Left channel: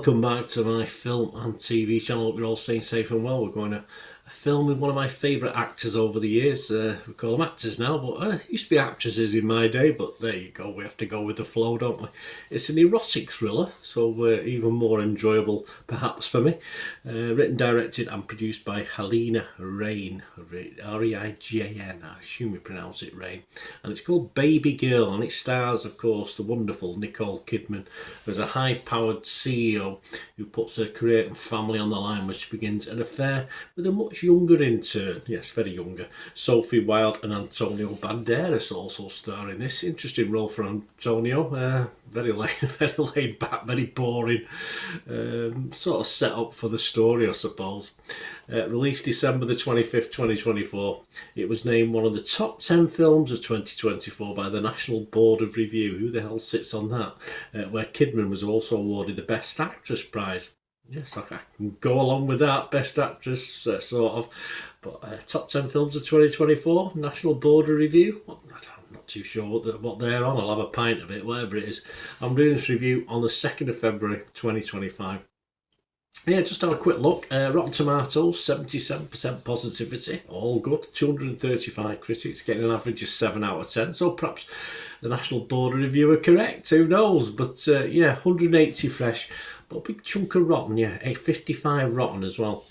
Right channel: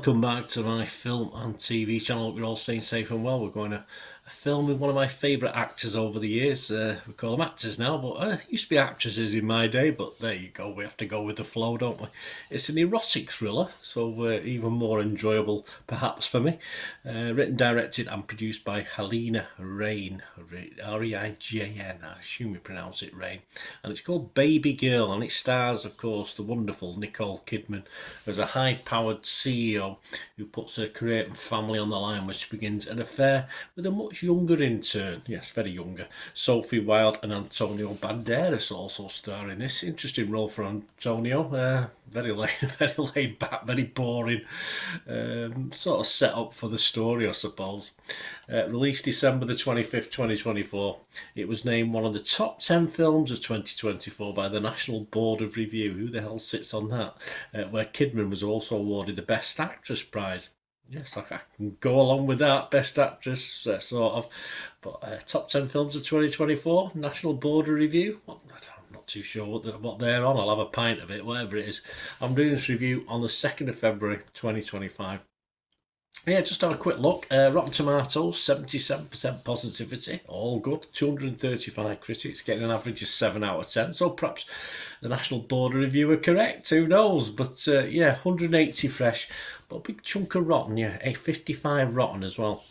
welcome back to my film and TV channel. Hope you're all staying safe and well. We're going to film with one of my favourite actors over the years. We call them actors now, but used to be actresses in my day, but there you go, we have to go with the flow, don't we? It's an erotic thriller, so even more enjoyable perhaps for me. Written, directed and produced by Helena Rain, Reigan, I assume we pronounce it Rain, and it's called Babygirl, and it stars, of course, the wonderful Nicole Kidman as a high-powered CEO who puts her career and family on the line when she begins an affair with a much younger intern, yes, very younger, Sophie Wilde, and Antonio Banderas also star in this. Interesting role for Antonio, very laid back, very boring, sort of set up for the story, I suppose. Released December the 25th, 2024. It was named one of the top 10 films of 2024 by the National Board of Review. Who the hell sits on that? Where Kidman was also awarded the Best Actress prize. Yes, I can go along with that. Best Actress, sort of. But top 10 films of 2024, National Board of Review. I'm not too sure what they're on. I'll have a pint of it, whatever it is. I'm doing this review on the 2nd of February 2025. Yeah, just have a quick look. Rotten Tomatoes, 77% positivity. All good. 235 critics, getting an average of 7 out of 10. So perhaps the National Board of Review are correct. Who knows? But yeah, 180 fresh. But a big chunk of rotten, yeah. A 55 rotten as well.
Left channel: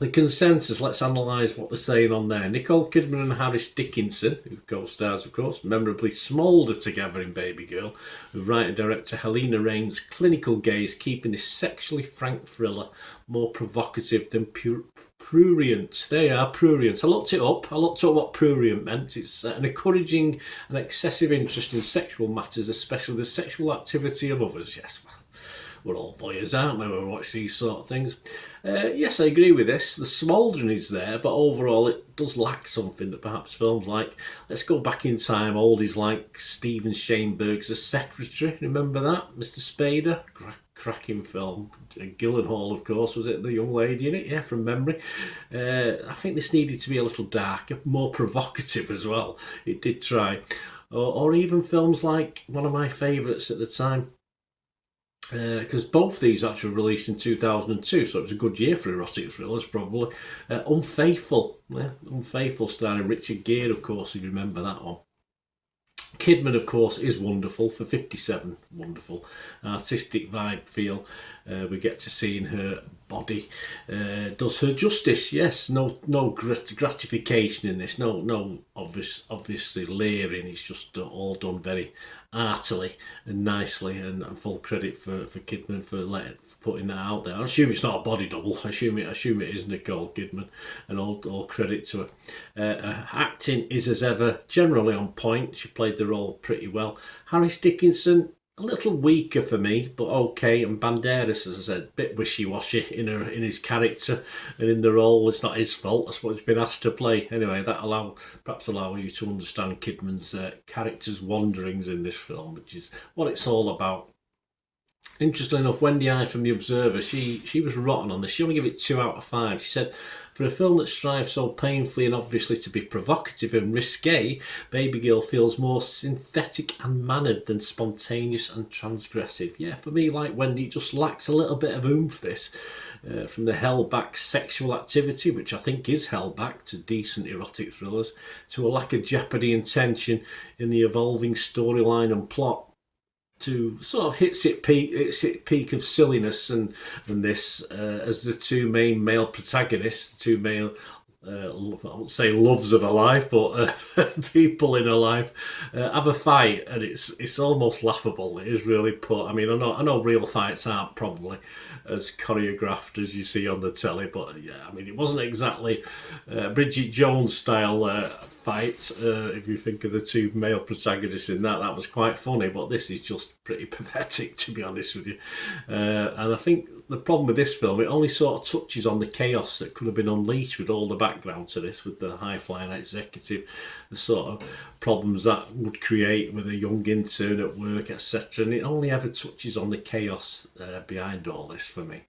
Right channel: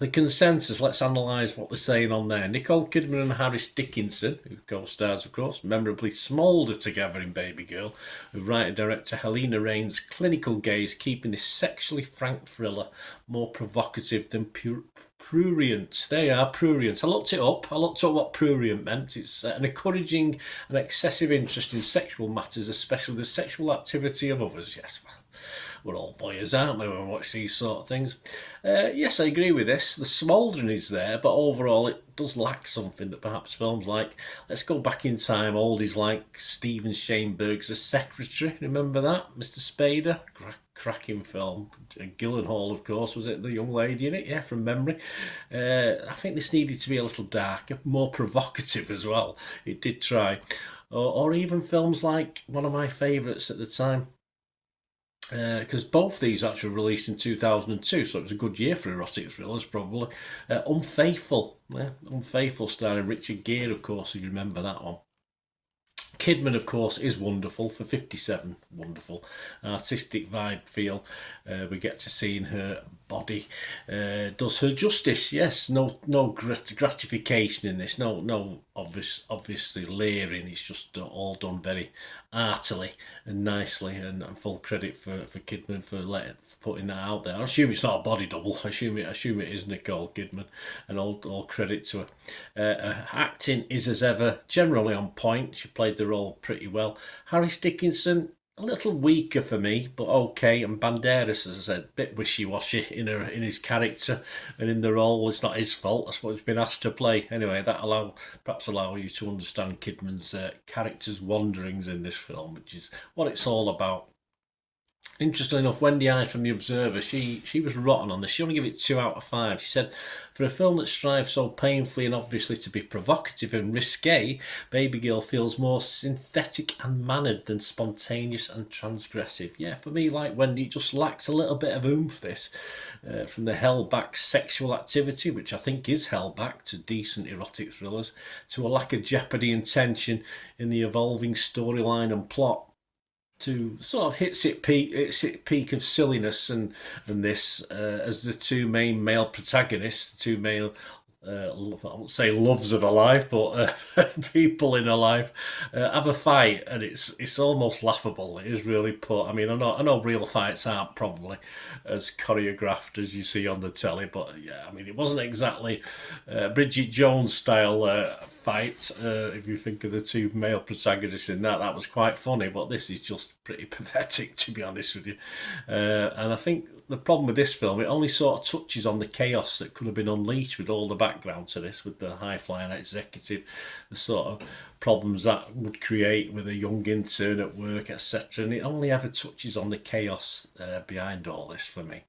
The consensus, let's analyse what they're saying on there. Nicole Kidman and Harris Dickinson, who co-stars, of course, memorably Smolder together in Babygirl, with writer director Helena Rain's clinical gaze keeping this sexually frank thriller more provocative than prurient. They are prurient. I looked it up. I looked up what prurient meant. It's an encouraging and excessive interest in sexual matters, especially the sexual activity of others. Yes, we're all voyeurs, aren't we, when we watch these sort of things? Yes, I agree with this. The smouldering is there, but overall it does lack something that perhaps films like Let's Go Back in Time, oldies like Stephen Shaneberg's The Secretary, remember that? Mr. Spader, cracking film. Gyllenhaal, of course, was it the young lady in it? Yeah, from memory. I think this needed to be a little darker, more provocative as well. It did try. Or even films like one of my favourites at the time, because both these actually released in 2002, so it was a good year for erotic thrillers, probably. Unfaithful, Unfaithful, starring Richard Gere, of course, if you remember that one. Kidman, of course, is wonderful for 57. Wonderful. Artistic vibe feel. We get to see in her body. Does her justice, yes. No gratification in this. No obviously leering. It's just all done very artily and nicely, and full credit for Kidman for putting that out there. I assume it's not a body double. I assume it is Nicole Kidman, and all credit to her. Acting is as ever generally on point. She played the role pretty well. Harris Dickinson, a little weaker for me, but okay. And Banderas, as I said, a bit wishy-washy in his character and in the role. It's not his fault. That's what he's been asked to play. Anyway, that perhaps allow you to understand Kidman's character's wanderings in this film, which is what it's all about. Interestingly enough, Wendy I from The Observer, she was rotten on this. She only gave it 2 out of 5. She said, for a film that strives so painfully and obviously to be provocative and risque, Babygirl feels more synthetic and mannered than spontaneous and transgressive. Yeah, for me, like Wendy, it just lacks a little bit of oomph, this. From the held-back sexual activity, which I think is held back to decent erotic thrillers, to a lack of jeopardy and tension in the evolving storyline and plot, to sort of hits its peak of silliness and this as the two main male protagonists, the two male I won't say loves of her life, but people in her life have a fight, and it's almost laughable. It is really put. I mean, I know real fights aren't probably as choreographed as you see on the telly, but yeah, I mean, it wasn't exactly Bridget Jones style fight. If you think of the two male protagonists in that was quite funny, but this is just pretty pathetic, to be honest with you. And I think the problem with this film, it only sort of touches on the chaos that could have been unleashed with all the background to this, with the high-flying executive, the sort of problems that would create with a young intern at work, etc. And it only ever touches on the chaos behind all this for me.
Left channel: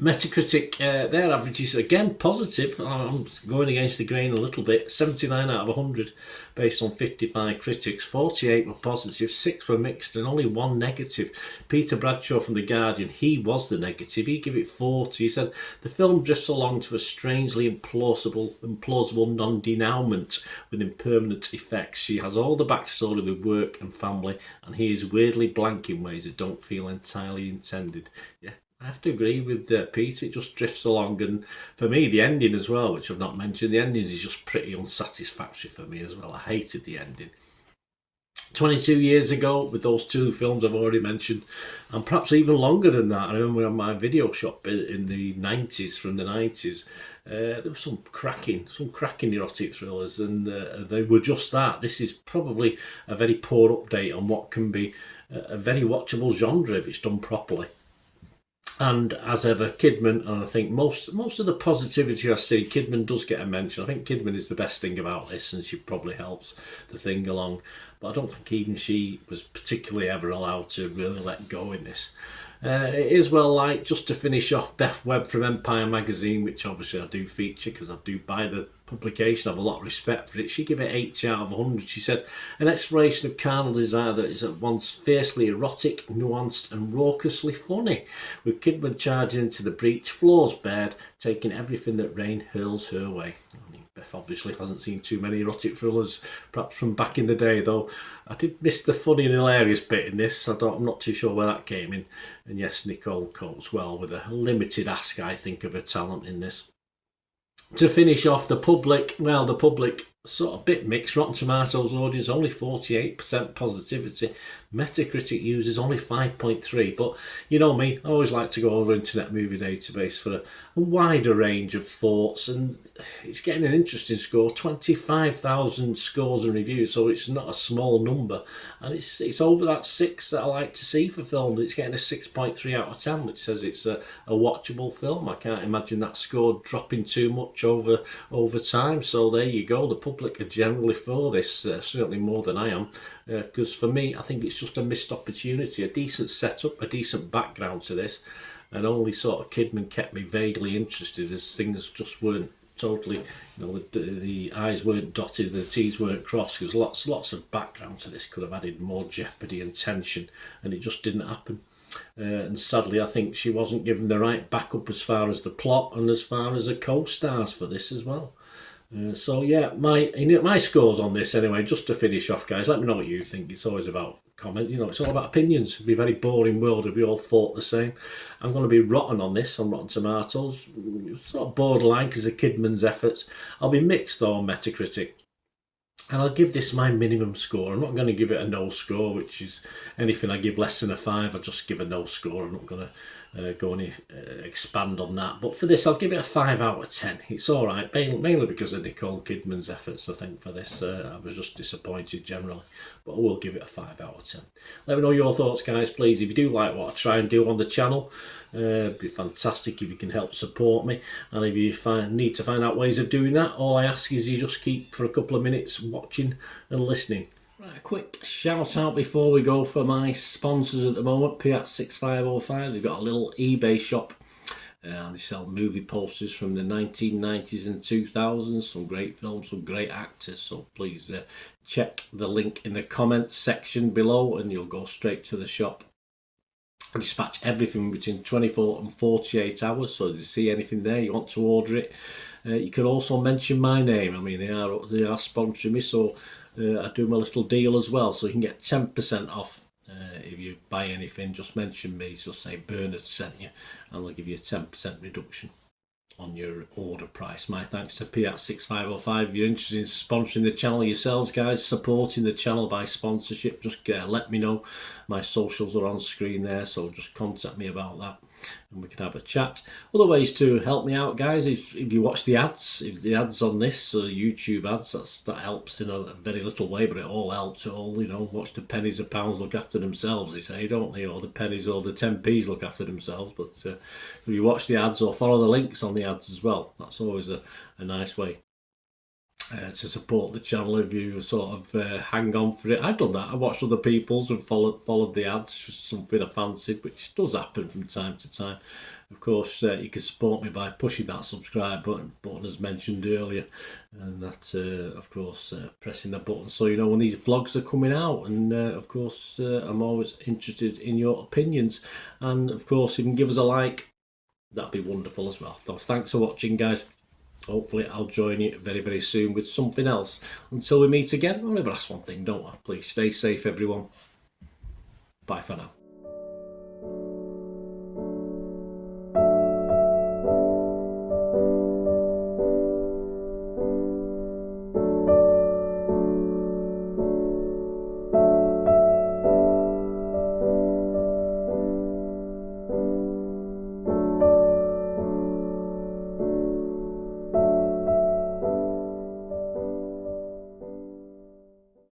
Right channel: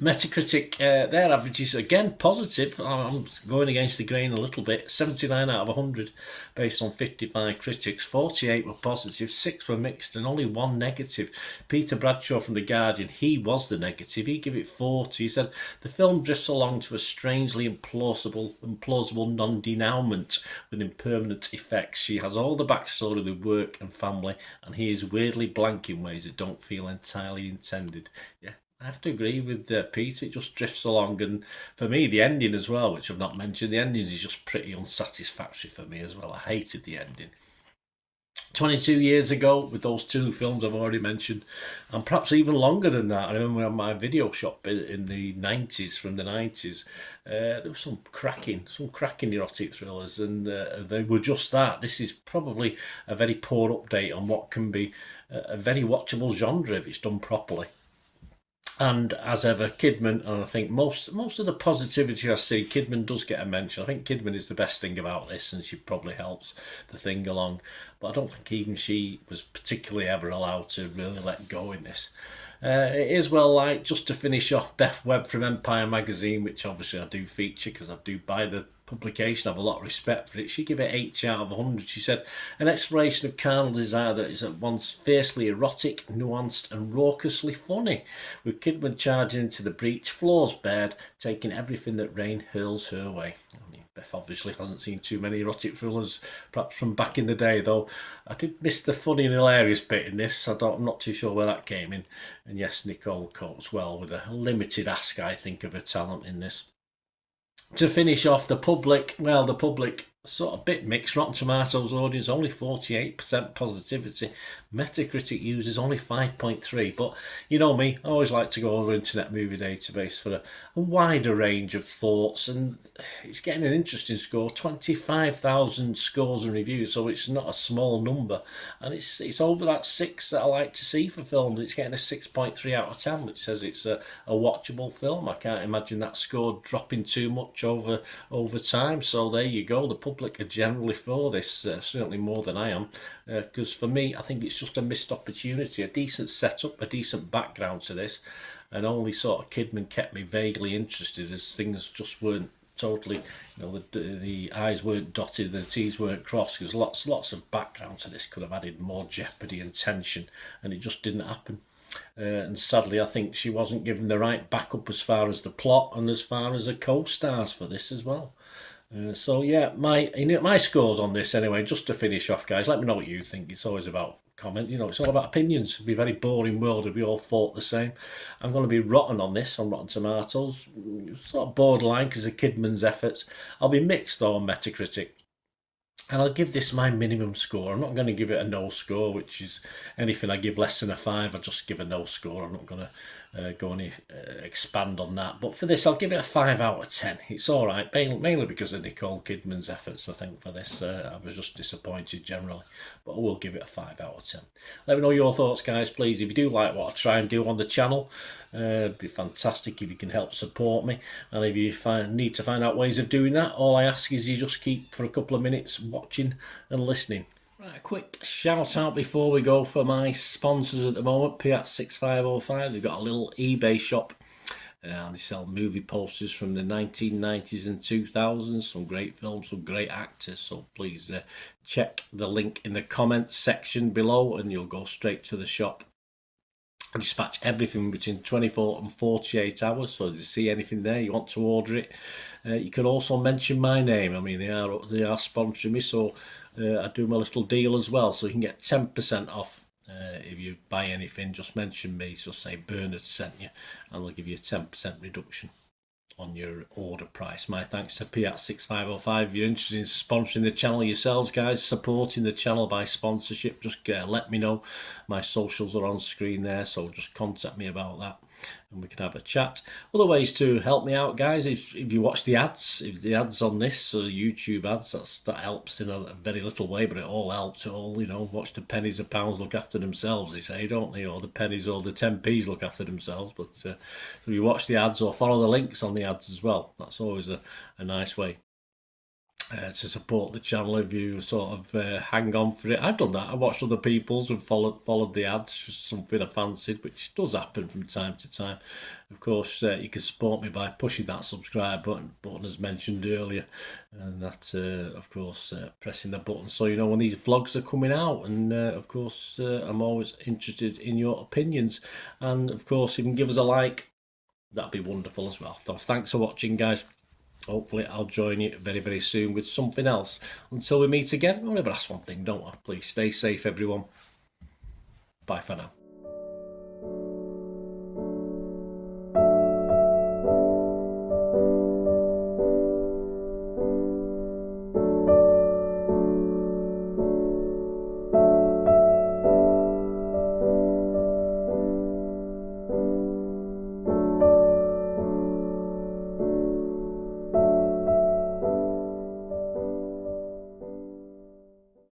Metacritic, their average is again positive. I'm going against the grain a little bit. 79 out of 100 based on 55 critics. 48 were positive, 6 were mixed, and only 1 negative. Peter Bradshaw from The Guardian, he was the negative. He gave it 40. He said, the film drifts along to a strangely implausible non-denouement with impermanent effects. She has all the backstory with work and family, and he is weirdly blank in ways that don't feel entirely intended. Yeah. I have to agree with Pete. It just drifts along, and for me, the ending as well, which I've not mentioned, the ending is just pretty unsatisfactory for me as well. I hated the ending. 22 years ago, with those 2 films I've already mentioned, and perhaps even longer than that. I remember on my video shop in the 90s, from the 90s, there were some cracking erotic thrillers, and they were just that. This is probably a very poor update on what can be a very watchable genre if it's done properly. And as ever, Kidman, and I think most of the positivity I see, Kidman does get a mention. I think Kidman is the best thing about this, and she probably helps the thing along. But I don't think even she was particularly ever allowed to really let go in this. It is well liked. Just to finish off, Beth Webb from Empire magazine, which obviously I do feature because I do buy the publication. I have a lot of respect for it. She gave it 8 out of 100. She said, an exploration of carnal desire that is at once fiercely erotic, nuanced and raucously funny, with Kidman charging into the breach, floors bared, taking everything that rain hurls her way. I mean, Beth obviously hasn't seen too many erotic thrillers, perhaps from back in the day, though. I did miss the funny and hilarious bit in this. I'm not too sure where that came in. And yes, Nicole copes well with a limited ask, I think, of her talent in this. To finish off, the public sort of bit mixed. Rotten Tomatoes audience only 48% positivity. Metacritic users only 5.3. But you know me, I always like to go over Internet Movie Database for a wider range of thoughts, and it's getting an interesting score. 25,000 scores and reviews, so it's not a small number, and it's over that 6 that I like to see for films. It's getting a 6.3 out of 10, which says it's a watchable film. I can't imagine that score dropping too much over time. So there you go. The public are generally for this, certainly more than I am, because for me, I think it's just a missed opportunity. A decent setup, a decent background to this, and only sort of Kidman kept me vaguely interested as things just weren't totally, the I's weren't dotted, the T's weren't crossed. There's lots of background to this, could have added more jeopardy and tension, and it just didn't happen. And sadly, I think she wasn't given the right backup as far as the plot and as far as the co-stars for this as well. So yeah, my scores on this anyway. Just to finish off, guys, let me know what you think. It's always about comment. It's all about opinions. It'd be a very boring world if we all thought the same. I'm going to be rotten on this on Rotten Tomatoes. Sort of borderline because of Kidman's efforts. I'll be mixed though on Metacritic. And I'll give this my minimum score. I'm not going to give it a no score, which is anything I give less than a 5, I just give a no score. I'm not going to go and expand on that. But for this, I'll give it a 5 out of 10. It's all right, mainly because of Nicole Kidman's efforts, I think, for this. I was just disappointed generally. But I will give it a 5 out of 10. Let me know your thoughts, guys, please. If you do like what I try and do on the channel, it'd be fantastic if you can help support me. And if you need to find out ways of doing that, all I ask is you just keep for a couple of minutes watching and listening. Right, a quick shout out before we go for my sponsors at the moment. Piat6505, they've got a little eBay shop. And they sell movie posters from the 1990s and 2000s. Some great films, some great actors. So please check the link in the comments section below and you'll go straight to the shop. I dispatch everything between 24 and 48 hours. So if you see anything there, you want to order it, you can also mention my name. I mean, they are sponsoring me, so I do my little deal as well. So you can get 10% off. If you buy anything, just mention me, just say Bernard sent you, and they'll give you a 10% reduction on your order price. My thanks to Piat6505. If you're interested in sponsoring the channel yourselves, guys, supporting the channel by sponsorship, just let me know. My socials are on screen there, so just contact me about that and we can have a chat. Other ways to help me out, guys, if you watch the ads, if the ads on this, YouTube ads, that helps in a very little way, but it all helps. Watch the pennies and pounds look after themselves, they say, don't they? Or the pennies or the 10p's look after themselves. But if you watch the ads or follow the links on the ads as well, that's always a nice way. to support the channel if you sort of hang on for it. I've done that. I watched other people's and followed the ads, just something I fancied, which does happen from time to time. Of course, you can support me by pushing that subscribe button as mentioned earlier, and that's of course pressing the button so you know when these vlogs are coming out. And of course, I'm always interested in your opinions, and of course, if you can give us a like, that'd be wonderful as well. So thanks for watching, guys. Hopefully I'll join you very, very soon with something else. Until we meet again, I'll never ask one thing, don't I? Please stay safe, everyone. Bye for now.